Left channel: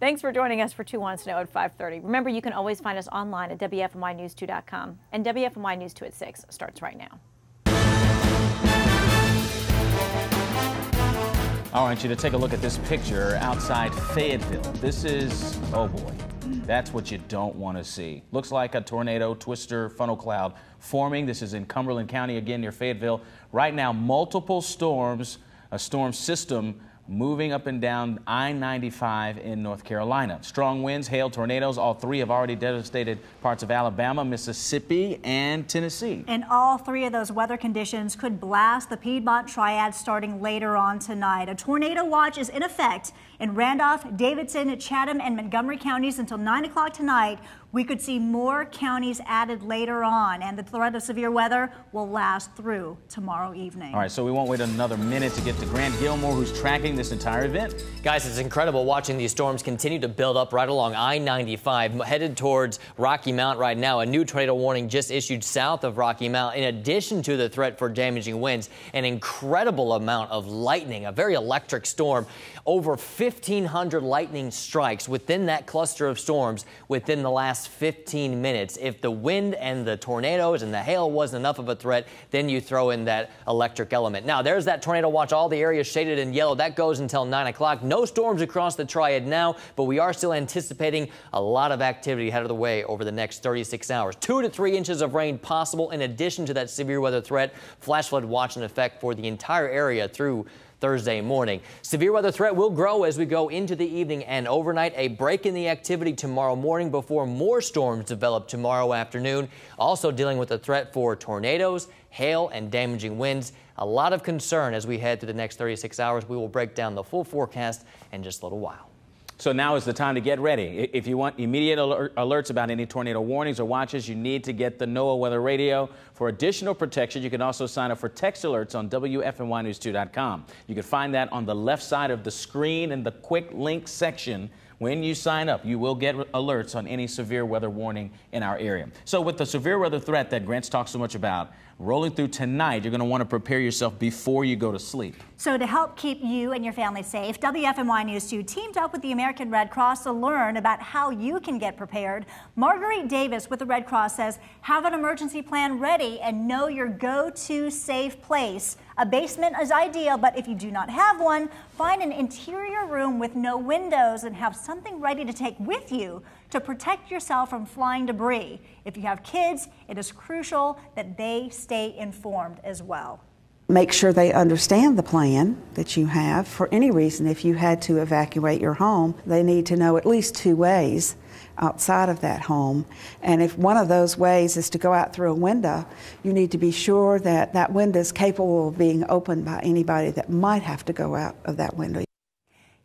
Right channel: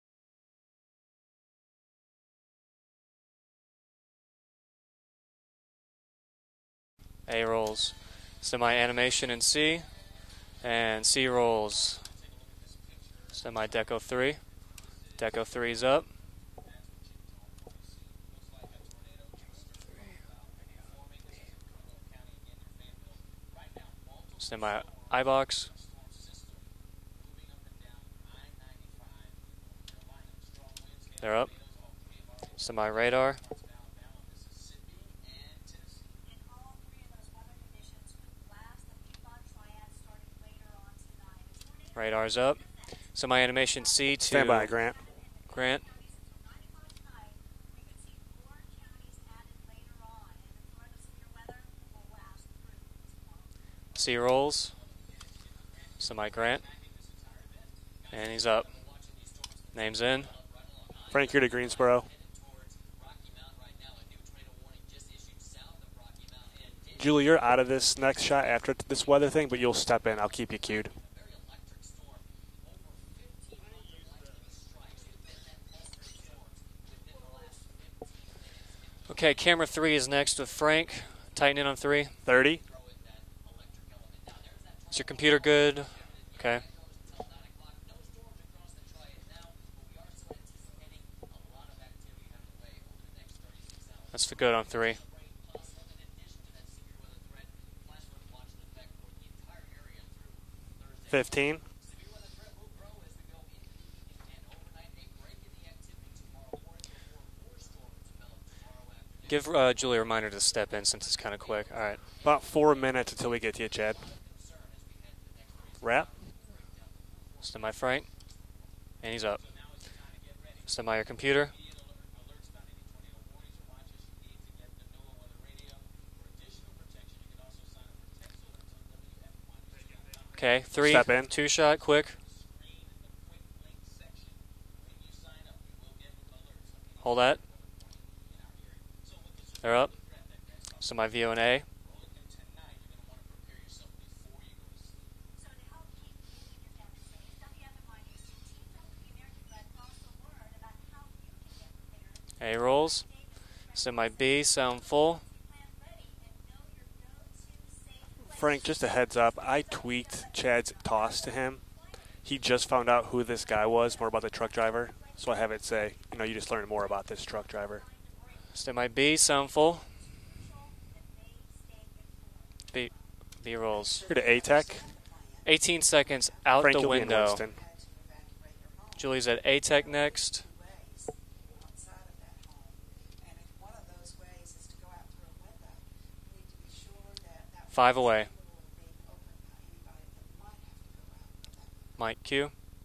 Thanks for joining us for 2 Wants to Know at 5:30. Remember, you can always find us online at WFMYnews2.com. And WFMY News 2 at 6 starts right now. A rolls, semi-animation in C, and C rolls. I want you to take a look at this picture outside Fayetteville. This is, up. Boy, that's what you don't want to see. Looks like a tornado twister funnel cloud forming. This is in Cumberland County, again near Fayetteville. Right now, multiple storms, a storm system moving up and down I-95 in North Carolina. Strong winds, hail, tornadoes, all three have already devastated parts of Alabama, Mississippi, and Tennessee. And all three of those weather conditions could blast the Piedmont Triad starting later on tonight. A tornado watch is in effect in Randolph, Davidson, Chatham, and Montgomery counties until 9 o'clock tonight. We could see more counties added later on, and the threat of severe weather will last through tomorrow evening. All right, so we'll wait another minute to get to Grant Gilmore, who's tracking this entire event. Guys, it's incredible watching these storms continue to build up right along I-95, headed towards Rocky Mount right now. A new tornado warning just issued south of Rocky Mount, in addition to the threat for damaging winds. An incredible amount of lightning, a very electric storm. Over 1,500 lightning strikes within that cluster of storms within the last 15 minutes. If the wind and the tornadoes and the hail wasn't enough of a threat, then you throw in that electric element. Now, there's that tornado watch. All the areas shaded in yellow. That goes until 9 o'clock. No storms across the Triad now, but we are still anticipating a lot of activity headed of the way over the next 36 hours. 2 to 3 inches of rain possible in addition to that severe weather threat. Flash flood watch in effect for the entire area through Thursday morning. Severe weather threat will grow as we go into the evening and overnight. A break in the activity tomorrow morning before more storms develop tomorrow afternoon. Also dealing with the threat for tornadoes, hail, and damaging winds. A lot of concern as we head through the next 36 hours. We will break down the full forecast in just a little while. And he's up. So now is the time to get ready. If you want immediate alerts about any tornado warnings or watches, you need to get the NOAA weather radio. For additional protection, you can also sign up for text alerts on WFMYnews2.com. You can find that on the left side of the screen in the quick link section. When you sign up, you will get alerts on any severe weather warning in our area. So with the severe weather threat that Grant's talked so much about, rolling through tonight, you're going to want to prepare yourself before you go to sleep. So to help keep you and your family safe, WFMY News 2 teamed up with the American Red Cross to learn about how you can get prepared. Marguerite Davis with the Red Cross says, have an emergency plan ready and know your go-to safe place. A basement is ideal, but if you do not have one, find an interior room with no windows and have something ready to take with you to protect yourself from flying debris. If you have kids, it is crucial that they stay informed as well. Make sure they understand the plan that you have. For any reason, if you had to evacuate your home, they need to know at least 2 ways outside of that home. And if one of those ways is to go out through a window, you need to be sure that that window is capable of being opened by anybody that might have to go out of that window.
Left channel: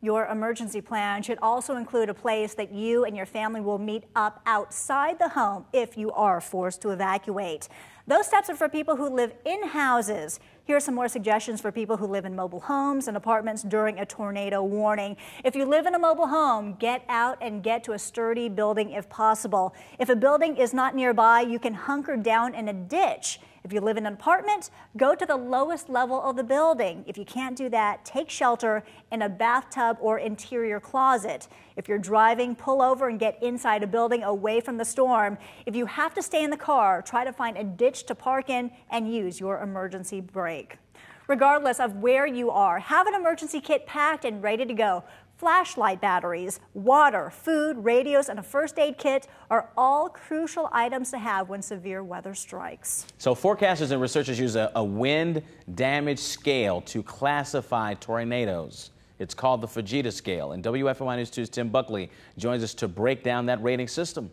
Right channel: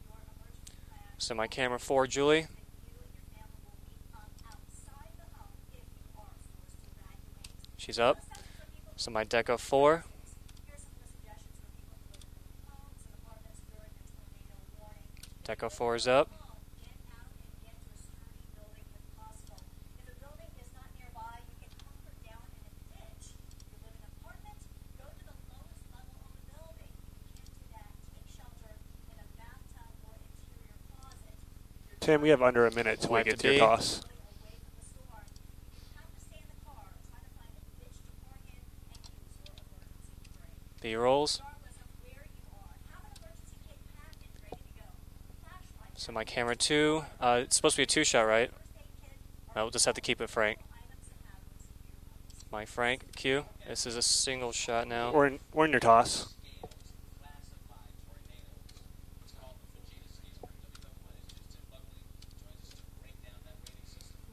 Your emergency plan should also include a place that you and your family will meet up outside the home if you are forced to evacuate. Those steps are for people who live in houses. Here are some more suggestions for people who live in mobile homes and apartments during a tornado warning. If you live in a mobile home, get out and get to a sturdy building if possible. If a building is not nearby, you can hunker down in a ditch. If you live in an apartment, go to the lowest level of the building. If you can't do that, take shelter in a bathtub or interior closet. If you're driving, pull over and get inside a building away from the storm. If you have to stay in the car, try to find a ditch to park in and use your emergency brake. Regardless of where you are, have an emergency kit packed and ready to go. Flashlight batteries, water, food, radios, and first aid kit are all crucial items to have when severe weather strikes. So forecasters and researchers use a wind damage scale to classify tornadoes. It's called the Fujita scale, and WFMY News 2's Tim Buckley joins us to break down that rating system.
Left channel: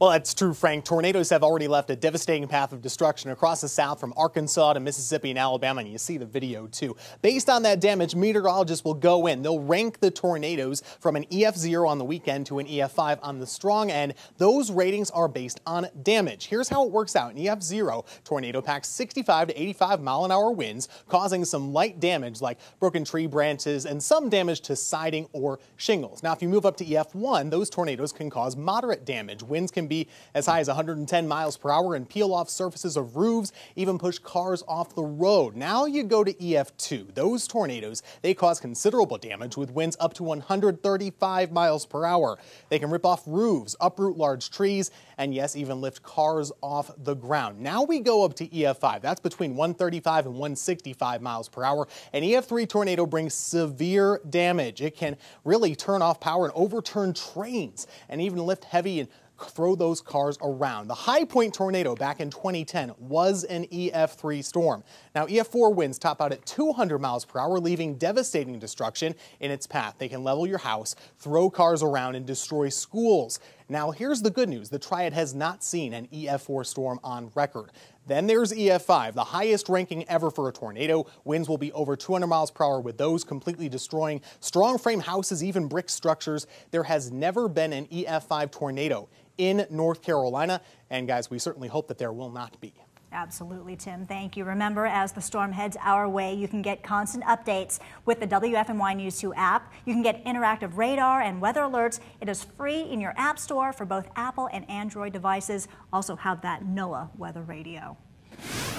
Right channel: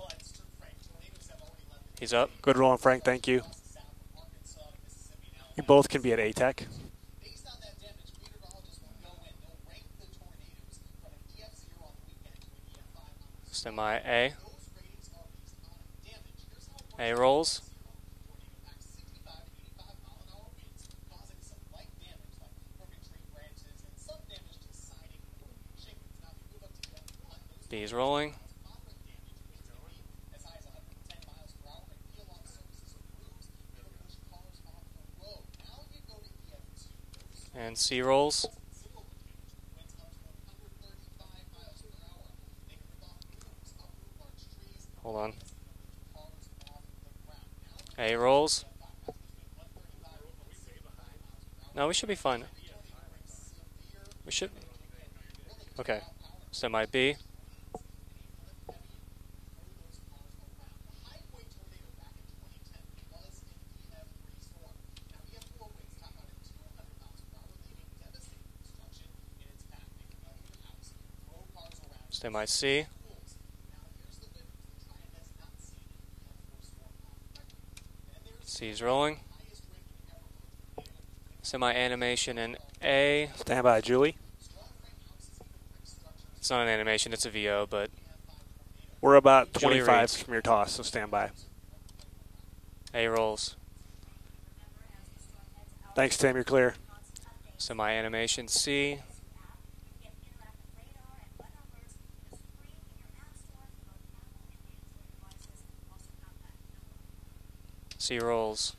Well, that's true, Frank. Tornadoes have already left a devastating path of destruction across the South from Arkansas to Mississippi and Alabama. Both can be at video too. Based on that damage, meteorologists will go in. They'll rank the tornadoes from an EF0 on the weekend to an EF5 on the strong end. Those ratings are based on damage. Here's how it works out. EF0 tornado packs 65 to 85 mile-an-hour winds, causing some light damage like broken tree branches and some damage to siding or shingles. Now, if you move up to EF1, those tornadoes can cause moderate damage. Winds can be as high as 110 miles per hour and peel off surfaces of roofs, even push cars off the road. Now you go to EF2. Those tornadoes, they cause considerable damage with winds up to 135 miles per hour. They can rip off roofs, uproot large trees, and yes, even lift cars off the ground. Now we go up to EF5. That's between 135 and 165 miles per hour. An EF3 tornado brings severe damage. It can really turn off power and overturn trains and even lift heavy and throw those cars around. The high point tornado back in 2010 was an EF3 storm. Now, EF4 winds top out at 200 miles per hour, leaving devastating destruction in its path. They can level your house, throw cars around, and destroy schools. Now, here's the good news. The Triad has not seen an EF4 storm on record. Then there's EF5, the highest ranking ever for a tornado. Winds will be over 200 miles per hour with those completely destroying strong frame houses, even brick structures. There has never been an EF5 tornado in North Carolina. And guys, we certainly hope that there will not be. Absolutely, Tim. Thank you. Remember, as the storm heads our way, you can get constant updates with the WFMY News 2 app. You can get interactive radar and weather alerts. It is free in your app store for both Apple and Android devices. Also have that NOAA weather radio. C-rolls.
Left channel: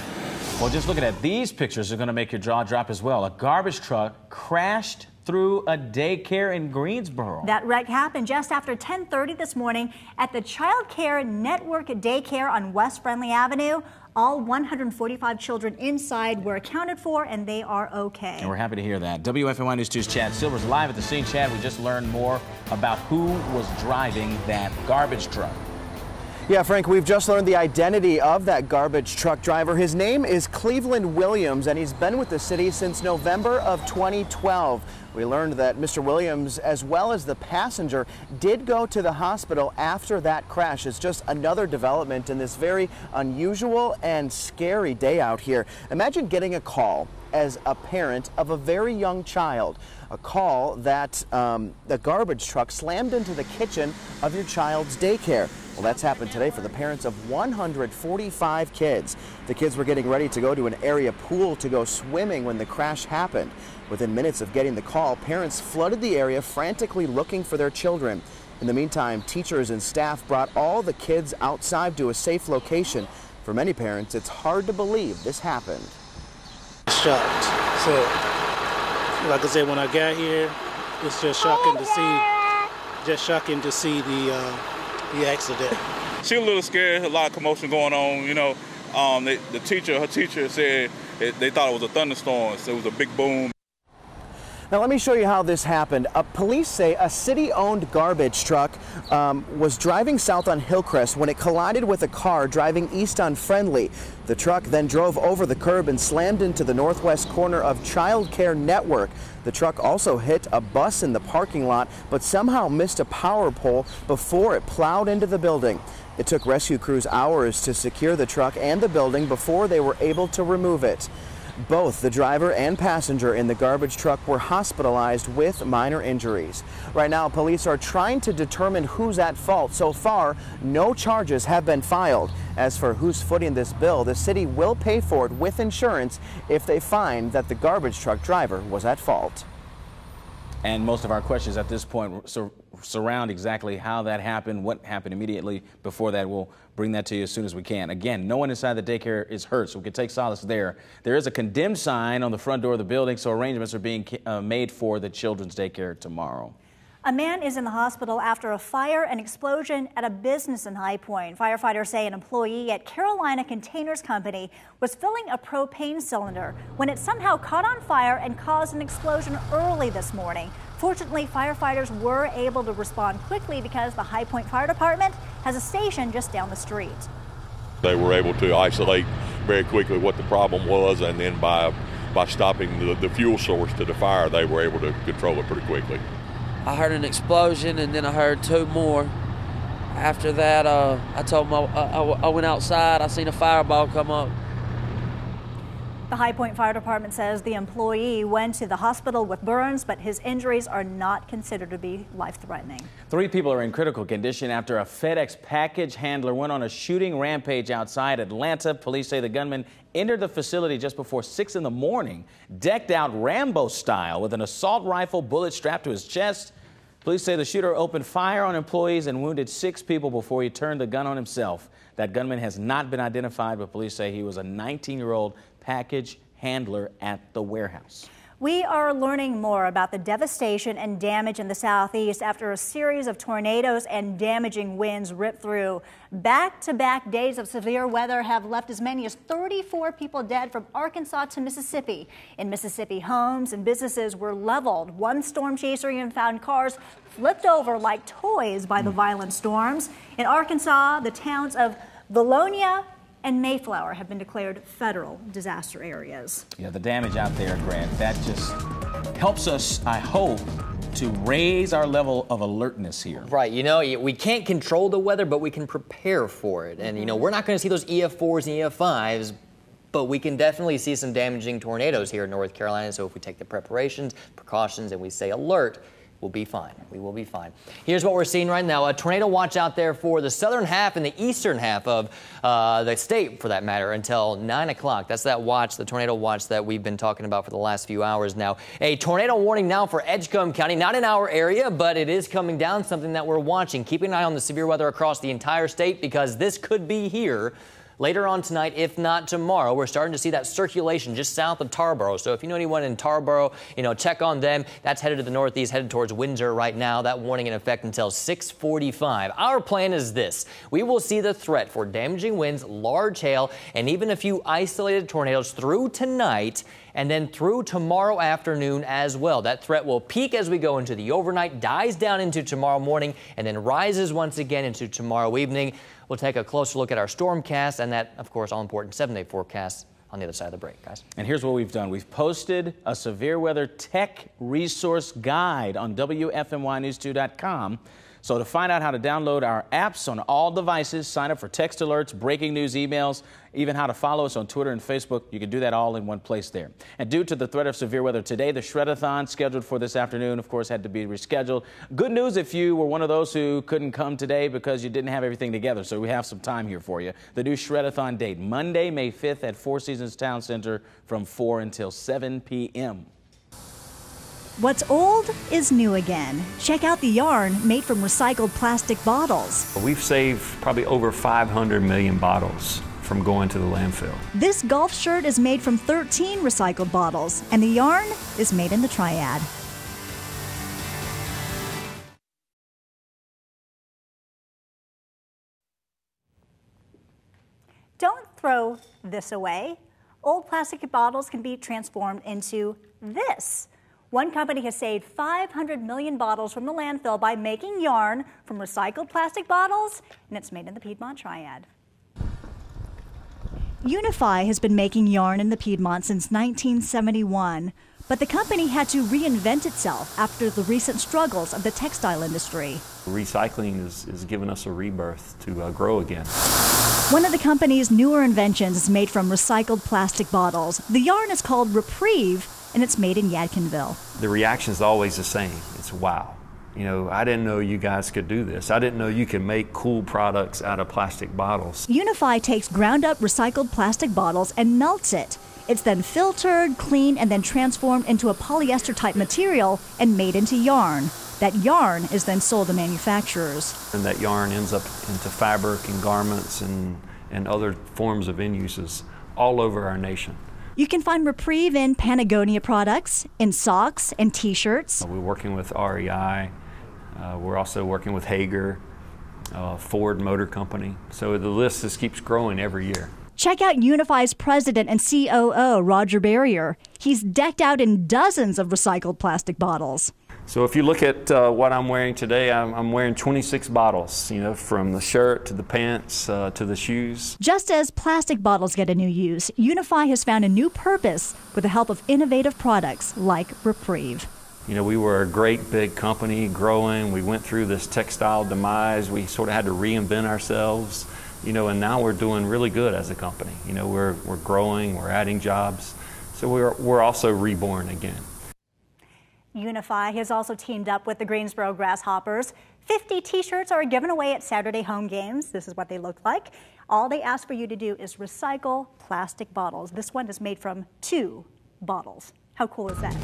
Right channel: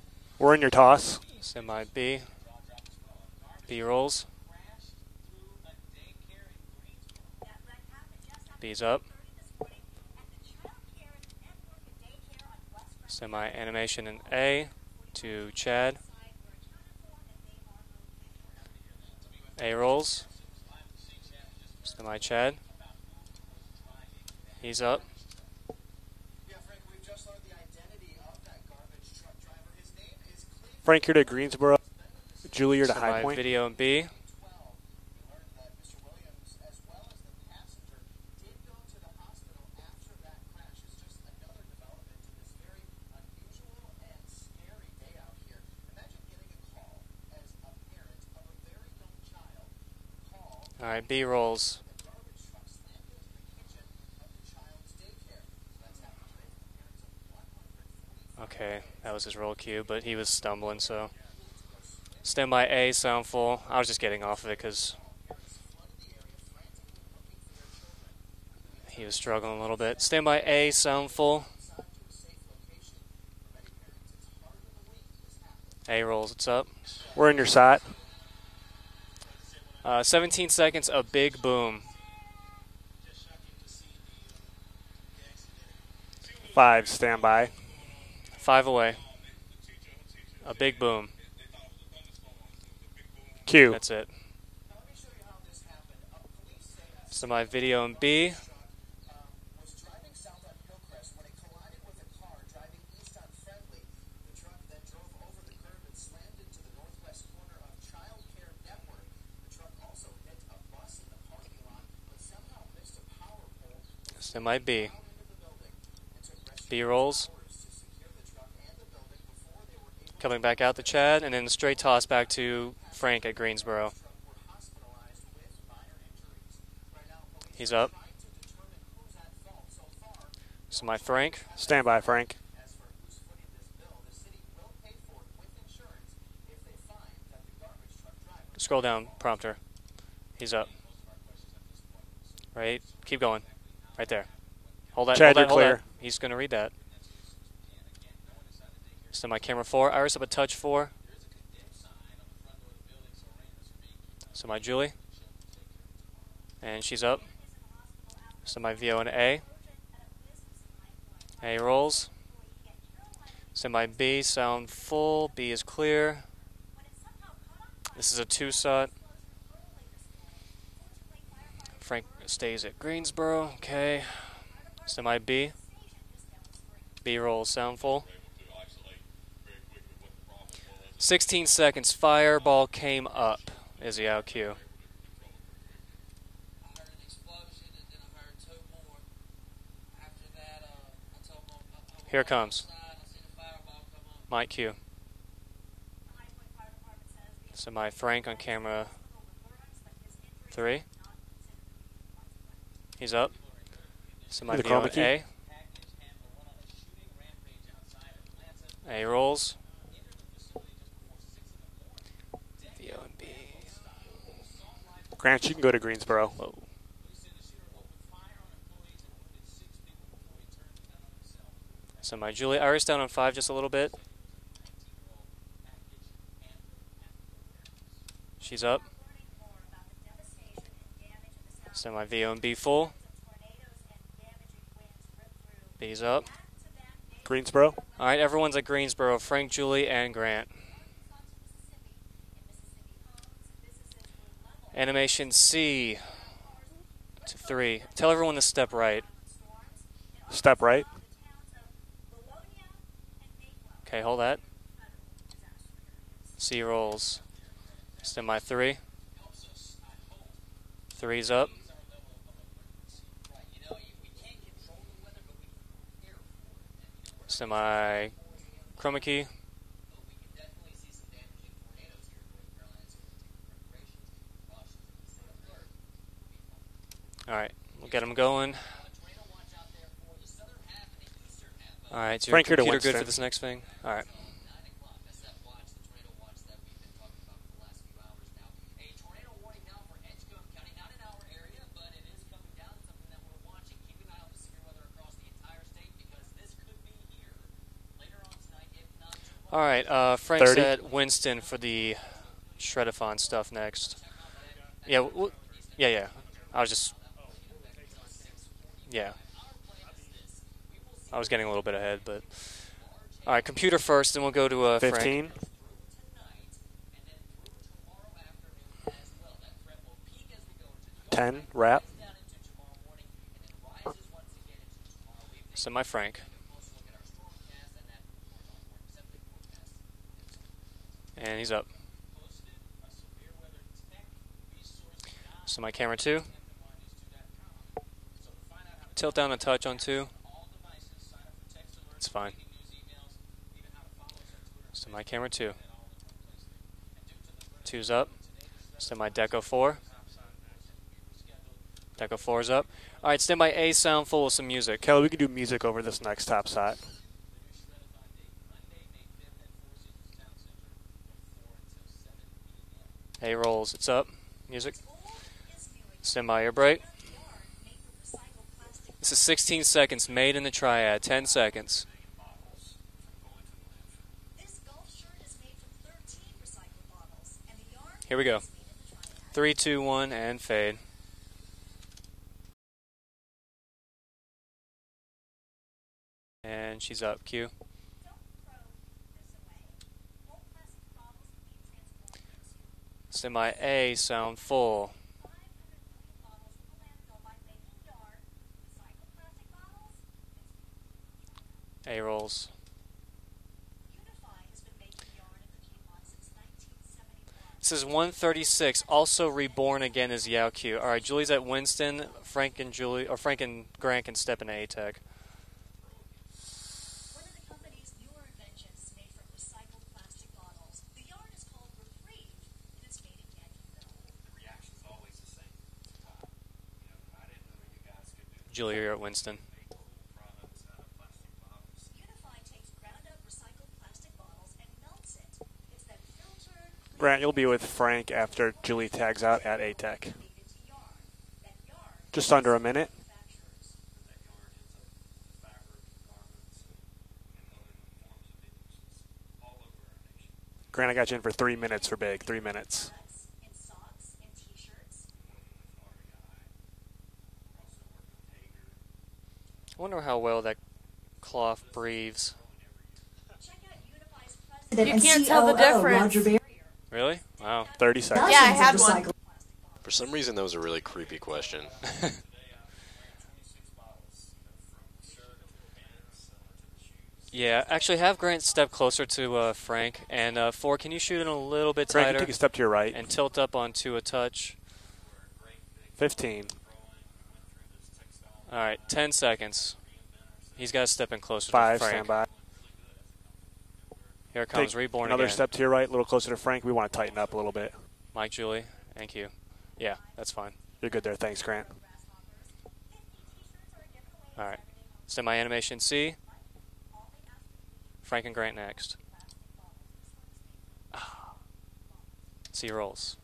We're in your toss. Looking at these pictures are going to make your jaw drop as well. A garbage truck crashed through a daycare in Greensboro. That wreck happened just after 10:30 this morning at the Child Care Network Daycare on West Friendly Avenue. All 145 children inside were accounted for, and they are okay. And we're happy to hear that. WFMY News 2's Chad Silver's live at the scene. Chad, we just learned more about who was driving that garbage truck. Yeah, Frank, we've just learned the identity of that garbage truck driver. His name is Cleveland Williams, and he's been with the city since November of 2012. We learned that Mr. Williams, as well as the passenger, did go to the hospital after that crash. It's just another development in this very unusual and scary day out here. Imagine getting a call as a parent of a very young child. A call that the garbage truck slammed into the kitchen of your child's daycare. Well, that's happened today for the parents of 145 kids. The kids were getting ready to go to an area pool to go swimming when the crash happened. Within minutes of getting the call, parents flooded the area frantically looking for their children. In the meantime, teachers and staff brought all the kids outside to a safe location. For many parents, it's hard to believe this happened. A-rolls, what's up? We're in your side. Like I said, when I got 17 here, seconds of it's big just shocking to see the accident. She was a little scared. A lot of commotion going on. You know, 5 away. Her teacher said they thought it was a thunderstorm. So it was a big boom. That's it. Now let me show you how this happened. Police say a city-owned garbage truck was driving south on Hillcrest when it collided with a car driving east on Friendly. The truck then drove over the curb and slammed into the northwest corner of Child Care Network. The truck also hit a bus in the parking lot, but somehow missed a power pole before it plowed into the building. It took rescue crews hours to secure the truck and the building before they were able to remove it. Both the driver and passenger in the garbage truck were hospitalized with minor injuries. Right now, police are trying to determine who's at fault. So far, no charges have been filed. As for who's footing this bill, the city will pay for it with insurance if they find that the garbage truck driver was at fault. And most of our questions at this point surround exactly how that happened, what happened before that. We'll bring that to you as soon as we can. Again, no one inside the daycare is hurt, so we take solace there. There is a condemned sign on the front door of the building, so arrangements are being made for the children's daycare tomorrow. And she's up. A man is in the hospital after a fire and explosion at a business in High Point. Firefighters say an employee at Carolina Containers Company was filling a propane cylinder when it somehow caught on fire and caused an explosion early this morning. Fortunately, firefighters were able to respond quickly because the High Point Fire Department has a station just down the street. They were able to isolate very quickly what the problem was, and then by stopping the fuel source to the fire, they were able to control it pretty quickly. I heard an explosion, and then I heard 2 more. After that, I told them I went outside. I seen a fireball come up. My cue. The High Point Fire Department says the employee went to the hospital with burns, but his injuries are not considered to be life-threatening. 3 people are in critical condition after a FedEx package handler went on a shooting rampage outside Atlanta. Police say the gunman entered the facility just before 6 in the morning, decked out Rambo style with an assault rifle bullet strapped to his chest. Police say the shooter opened fire on employees and wounded 6 people before he turned the gun on himself. That gunman has not been identified, but police say he was a 19-year-old package handler at the warehouse. We are learning more about the devastation and damage in the southeast after a series of tornadoes and damaging winds ripped through. Back-to-back days of severe weather have left as many as 34 people dead from Arkansas to Mississippi. In Mississippi, homes and businesses were leveled. One storm chaser even found cars flipped over like toys by the violent storms. In Arkansas, the towns of Valonia and Mayflower have been declared federal disaster areas. The damage out there, Grant, that just helps us, I hope, to raise our level of alertness here. Right, you know, we can't control the weather, but we can prepare for it. And, you know, we're not going to see those EF4s and EF5s, but we can definitely see some damaging tornadoes here in North Carolina. So if we take the preparations, precautions, and we stay alert, we'll be fine. We will be fine. Here's what we're seeing right now. A tornado watch out there for the southern half and the eastern half of the state, for that matter, until 9 o'clock. That's that watch, the tornado watch that we've been talking about for the last few hours now. A tornado warning now for Edgecombe County. Not in our area, but it is coming down, something that we're watching. Keeping an eye on the severe weather across the entire state, because this could be here later on tonight, if not tomorrow. We're starting to see that circulation just south of Tarboro. So if you know anyone in Tarboro, you know, check on them. That's headed to the northeast, headed towards Windsor right now. That warning in effect until 6:45. Our plan is this. We will see the threat for damaging winds, large hail, and even a few isolated tornadoes through tonight, and then through tomorrow afternoon as well. That threat will peak as we go into the overnight, dies down into tomorrow morning, and then rises once again into tomorrow evening. We'll take a closer look at our stormcast and that, of course, all-important 7-day forecast on the other side of the break, guys. And here's what we've done. We've posted a severe weather tech resource guide on WFMYnews2.com. So to find out how to download our apps on all devices, sign up for text alerts, breaking news emails, even how to follow us on Twitter and Facebook, you can do that all in one place there. And due to the threat of severe weather today, the Shred-a-thon scheduled for this afternoon, of course, had to be rescheduled. Good news if you were one of those who couldn't come today because you didn't have everything together, so we have some time here for you. The new Shred-a-thon date, Monday, May 5th at Four Seasons Town Center from 4 until 7 p.m. Hey, Rolls, what's up? What's old is new again. Check out the yarn made from recycled plastic bottles. We've saved probably over 500 million bottles from going to the landfill. This golf shirt is made from 13 recycled bottles, and the yarn is made in the Triad. 3, 2, 1, and fade. And she's up. Q. Don't throw this away. Old plastic bottles can be transformed into this. One company has saved 500 million bottles from the landfill by making yarn from recycled plastic bottles, and it's made in the Piedmont Triad. A-rolls. Unify has been making yarn in the Piedmont since 1971, but the company had to reinvent itself after the recent struggles of the textile industry. Recycling has given us a rebirth to grow again. One of the company's newer inventions is made from recycled plastic bottles. The yarn is called Reprieve, and it's made in Yadkinville. The reaction is always the same. It's wow. You know, I didn't know you guys could do this. I didn't know you could make cool products out of plastic bottles. Unify takes ground-up recycled plastic bottles and melts it. It's then filtered, cleaned, and then transformed into a polyester-type material and made into yarn. That yarn is then sold to manufacturers. And that yarn ends up into fabric and garments and other forms of end uses all over our nation. You can find Reprieve in Patagonia products, in socks and T-shirts. We're working with REI. We're also working with Hager, Ford Motor Company. So the list just keeps growing every year. Check out Unify's president and COO, Roger Barrier. He's decked out in dozens of recycled plastic bottles. So if you look at what I'm wearing today, I'm wearing 26 bottles, you know, from the shirt to the pants to the shoes. Just as plastic bottles get into use, Unify has found a new purpose with the help of innovative products like Reprieve. You know, we were a great big company 15. Growing. We went through this textile demise. Right, we sort of had to reinvent ourselves. Close, you know, and now we're doing really good as a company. You know, we're growing, we're adding jobs. Right, a little closer to so Frank. we're also reborn again. Mike, Julie, thank you. Unify has also teamed up with the Greensboro Grasshoppers. 50 T-shirts are given away at Saturday home games. This is what they look like. All they ask for you to do is recycle plastic bottles. This one is made from 2 bottles. How cool is that?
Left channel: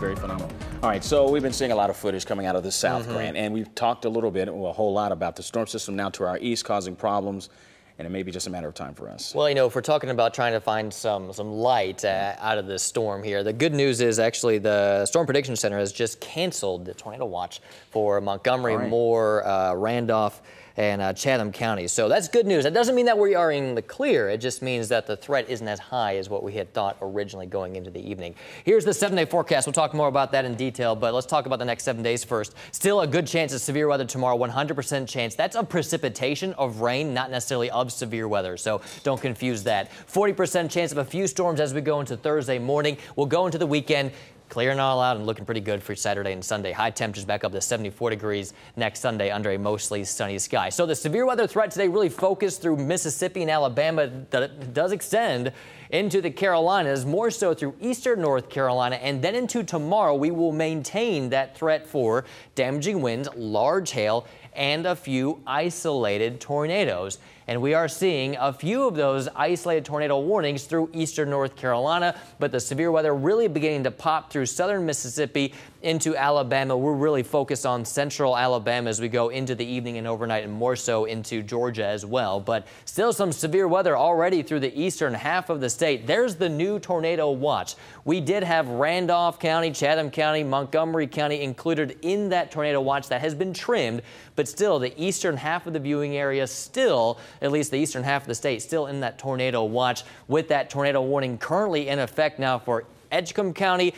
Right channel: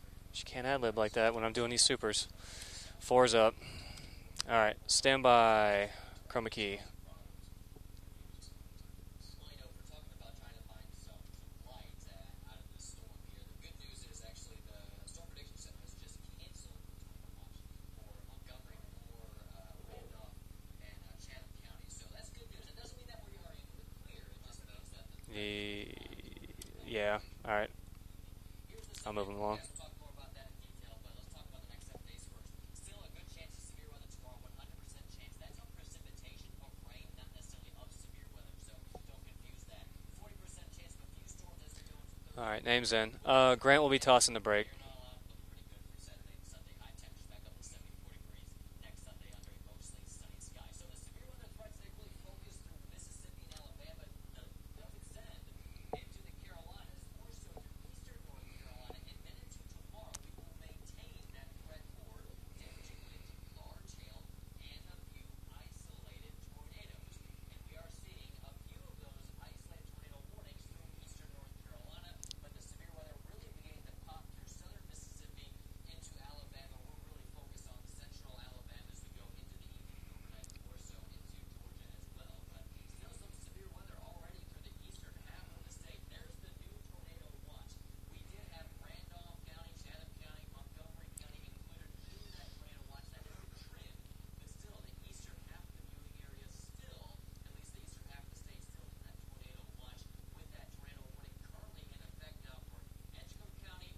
Very phenomenal. All right, so we've been seeing a lot of footage coming out of the south, and we've talked a little bit, or a whole lot, about the storm system now to our east causing problems, and it may be just a matter of time for us. Well, you know, if we're talking about trying to find some light out of this storm here, the good news is actually the Storm Prediction Center has just canceled the tornado watch for Montgomery, Moore, Randolph, and Chatham County. So that's good news. That doesn't mean that we are in the clear. It just means that the threat isn't as high as what we had thought originally going into the evening. Here's the 7-day forecast. We'll talk more about that in detail, but let's talk about the next 7 days first. Still a good chance of severe weather tomorrow, 100% chance. That's of precipitation, of rain, not necessarily of severe weather, so don't confuse that. 40% chance of a few storms as we go into Thursday morning. We'll go into the weekend, clearing all out and looking pretty good for Saturday and Sunday. High temperatures back up to 74 degrees next Sunday under a mostly sunny sky. So the severe weather threat today really focused through Mississippi and Alabama. That does extend into the Carolinas, more so through eastern North Carolina, and then into tomorrow we will maintain that threat for damaging winds, large hail, and a few isolated tornadoes. And we are seeing a few of those isolated tornado warnings through eastern North Carolina, but the severe weather really beginning to pop through southern Mississippi into Alabama. We're really focused on central Alabama as we go into the evening and overnight, and more so into Georgia as well. But still some severe weather already through the eastern half of the state. There's the new tornado watch. We did have Randolph County, Chatham County, Montgomery County included in that tornado watch that has been trimmed, but still the eastern half of the viewing area still, at least the eastern half of the state, still in that tornado watch, with that tornado warning currently in effect now for Edgecombe County,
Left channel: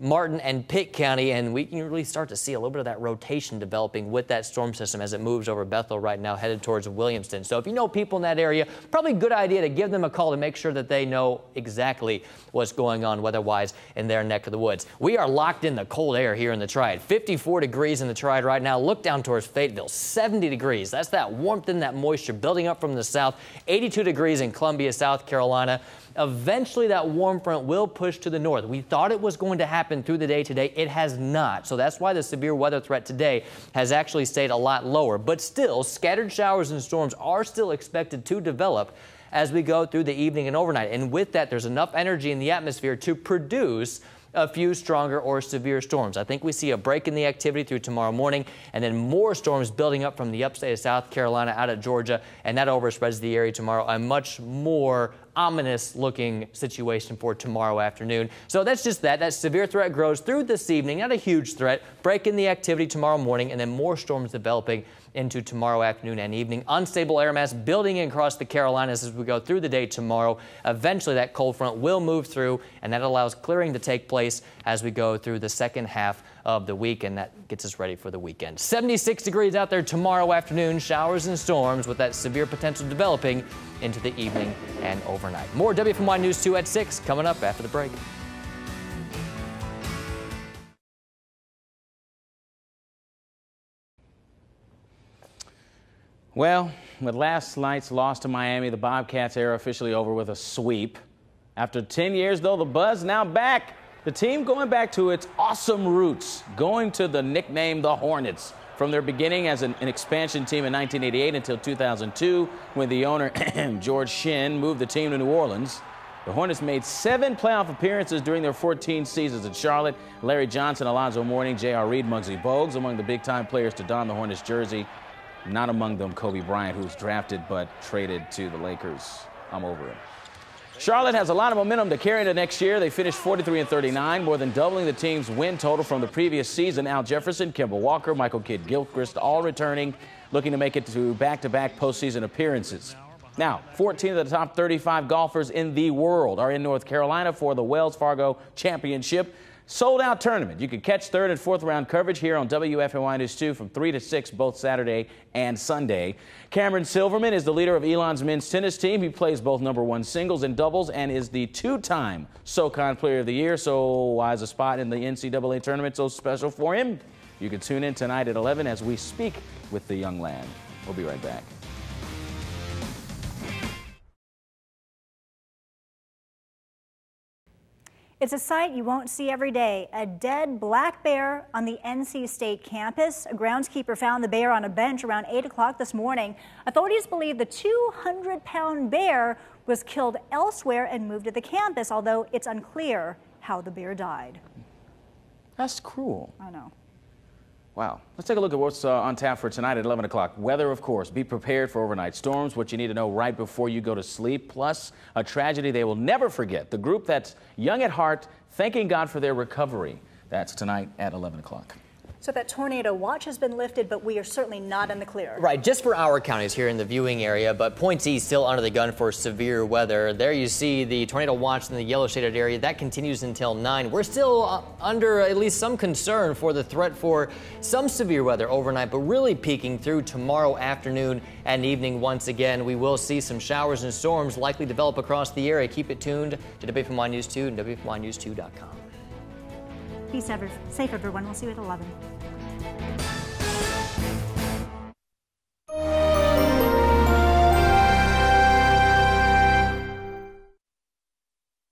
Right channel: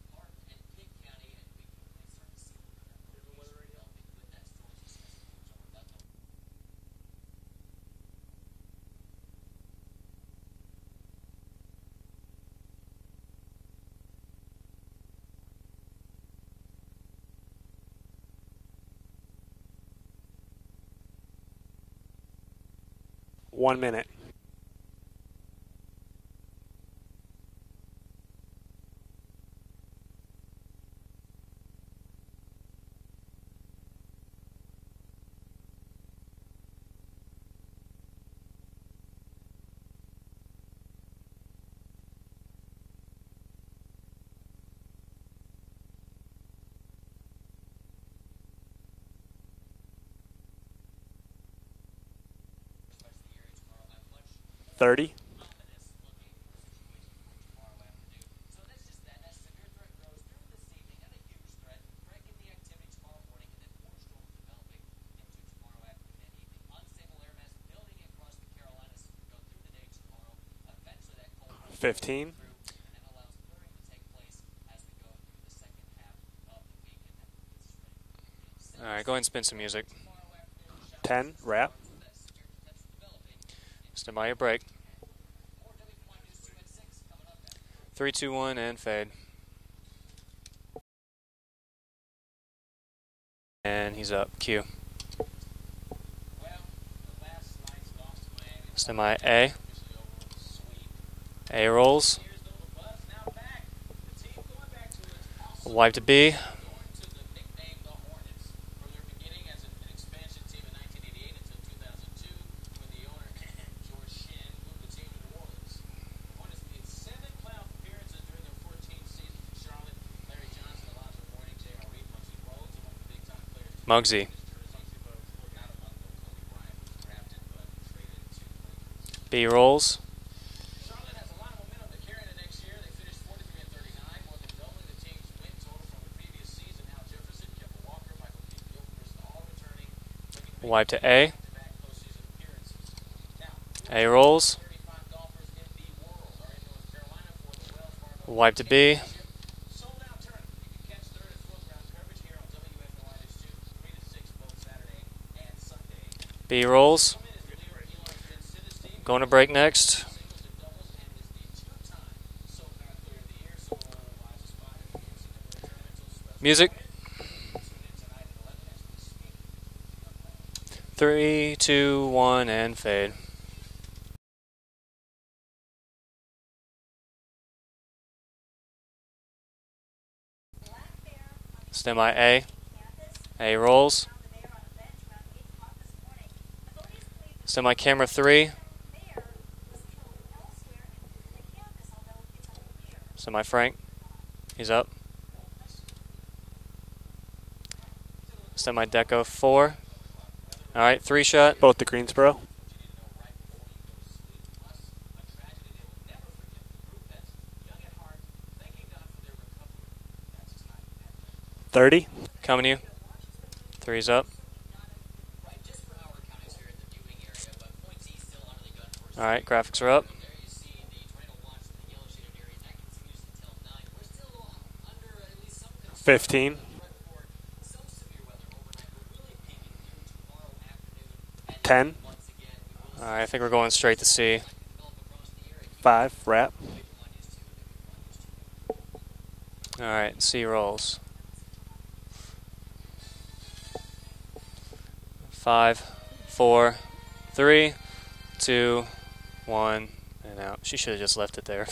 Martin and Pitt County, and we can really start to see a little bit of that rotation developing with that storm system as it moves over Bethel right now, headed towards Williamston. So if you know people in that area, probably a good idea to give them a call to make sure that they know exactly what's going on weather-wise in their neck of the woods. We are locked in the cold air here in the Triad. 54 degrees in the Triad right now. Look down towards Fayetteville, 70 degrees. That's that warmth and that moisture building up from the south. 82 degrees in Columbia, South Carolina. Eventually that warm front will push to the north. We thought it was going to happen through the day today. It has not. So that's why the severe weather threat today has actually stayed a lot lower. But still, scattered showers and storms are still expected to develop as we go through the evening and overnight. And with that, there's enough energy in the atmosphere to produce a few stronger or severe storms. I think we see a break in the activity through tomorrow morning, and then more storms building up from the upstate of South Carolina out of Georgia, and that overspreads the area tomorrow. A much more ominous looking situation for tomorrow afternoon. So that's just that. That severe threat grows through this evening, not a huge threat. Break in the activity tomorrow morning, and then more storms developing into tomorrow afternoon and evening. Unstable air mass building across the Carolinas as we go through the day tomorrow. Eventually that cold front will move through, and that allows clearing to take place as we go through the second half of the week, and that gets us ready for the weekend. 76 degrees out there tomorrow afternoon. Showers and storms with that severe potential developing into the evening and overnight. More WFMY News 2 at 6 coming up after the break. 3, 2, 1, and fade. And he's up. Q. Well, with last night's loss to Miami, the Bobcats are officially over with a sweep. After 10 years, though, the buzz now back. The team going back to its awesome roots, going to the nickname the Hornets. From their beginning as an expansion team in 1988 until 2002, when the owner, George Shinn, moved the team to New Orleans. The Hornets made 7 playoff appearances during their 14 seasons in Charlotte. Larry Johnson, Alonzo Mourning, J.R. Reed, Muggsy Bogues among the big-time players to don the Hornets jersey. Not among them Kobe Bryant, who was drafted but traded to the Lakers. B-rolls. Charlotte has a lot of momentum to carry into next year. They finished 43-39, more than doubling the team's win total from the previous season. Al Jefferson, Kemba Walker, Michael Kidd-Gilchrist all returning, looking to make it to back-to-back postseason appearances. Now, 14 of the top 35 golfers in the world are in North Carolina for the Wells Fargo Championship. Sold-out tournament. You can catch third and fourth round coverage here on WFMY News 2 from 3 to 6 both Saturday and Sunday. Cameron Silverman is the leader of Elon's men's tennis team. He plays both #1 singles and doubles and is the 2-time SoCon Player of the Year. So why is a spot in the NCAA tournament so special for him? You can tune in tonight at 11 as we speak with the young lad. We'll 3, 2, 1, and fade. It's a sight you won't see every day. A dead black bear on the NC State campus. A groundskeeper found the bear on a bench around 8 o'clock this morning. Authorities believe the 200-pound bear was killed elsewhere and moved to the campus, although it's unclear how the bear died. He's up. That's cruel. I know. Wow. Let's take a look at what's on tap for tonight at 11 o'clock. Weather, of course. 3 shot, both the Greensboro storms, what you need to know right before you go to sleep, plus a tragedy they will never forget. The group that's young at heart, thanking God for their recovery. That's tonight at 11 o'clock. 30. So that tornado watch has been lifted, but we're certainly not in the clear. Right, just for our counties here in the viewing area, but Point C still under the gun for severe weather. There you see the tornado watch in the yellow shaded area. That continues until 9. We're still under at least some concern for the threat for some severe weather overnight, but really peaking through tomorrow afternoon and evening once again. We will see some showers and storms likely develop across the area. Keep it tuned to WFMY News 2 and WFMYnews2.com. All right, C rolls. Safe, everyone. We'll see you at 11. 5, 4, 3, 2, 1, and out. She should have just left it there.